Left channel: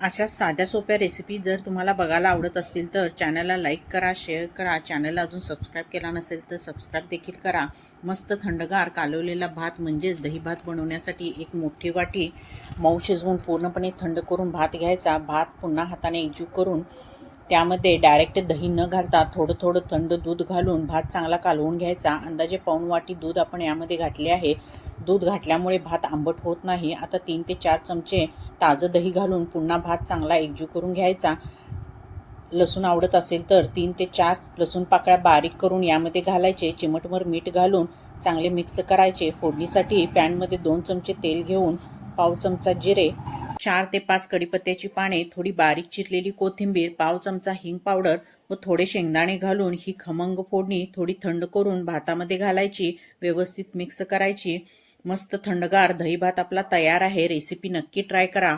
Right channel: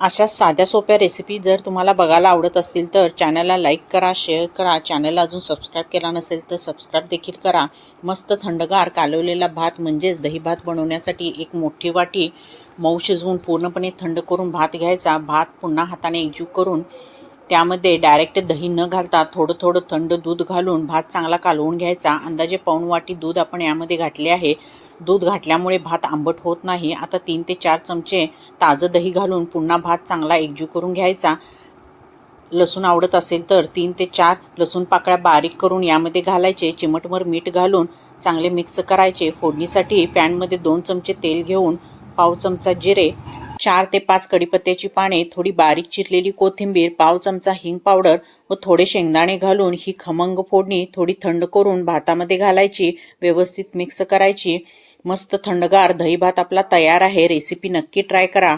अशा साध्या सोप्या रेसिपी जर तुम्हाला बघायला आवडत असतील तर चॅनलला लाईक करा, शेअर करा. चॅनलला अजून सबस्क्राईब केला नसेल तर सबस्क्राईब देखील करा. मस्त थंडगार कालवलेला भात म्हणजेच दही भात बनवण्यासाठी एक मोठी वाटी मऊ शिजवून पूर्णपणे थंड करून भात घ्यायचा. भात पुन्हा हाताने एकजीव करून त्यामध्ये डायरेक्ट दही न घालता थोडं थोडं थंड दूध घालून भात चांगला कालवून घ्यायचा. अंदाजे पाऊण वाटी दूध आपण यामध्ये घातले आहे. दूध घातल्यामुळे भात आंबट होत नाही. आता 3 ते 4 चमचे ताजं दही घालून पुन्हा भात चांगला एकजीव करून घ्यायचा. लसूण आवडत असेल तर 3 ते 4 लसूण पाकळ्या बारीक करून यामध्ये घालायचे. चिमटभर मीठ घालून चांगले मिक्स करायचे. फोडणीसाठी पॅनमध्ये 2 चमचे तेल घेऊन पाव चमचा जिरे, 4 ते 5 कढीपत्त्याची पाने, थोडी बारीक चिरलेली कोथिंबीर, पाव चमचा हिंग पावडर व थोडे शेंगदाणे घालून ही खमंग फोडणी थोडी थंड करून भातामध्ये घालायची. व्यवस्थित मिक्स करायची. मस्त थंडगार दही भात आपला तयार आहे. रेसिपी नक्की ट्राय करा.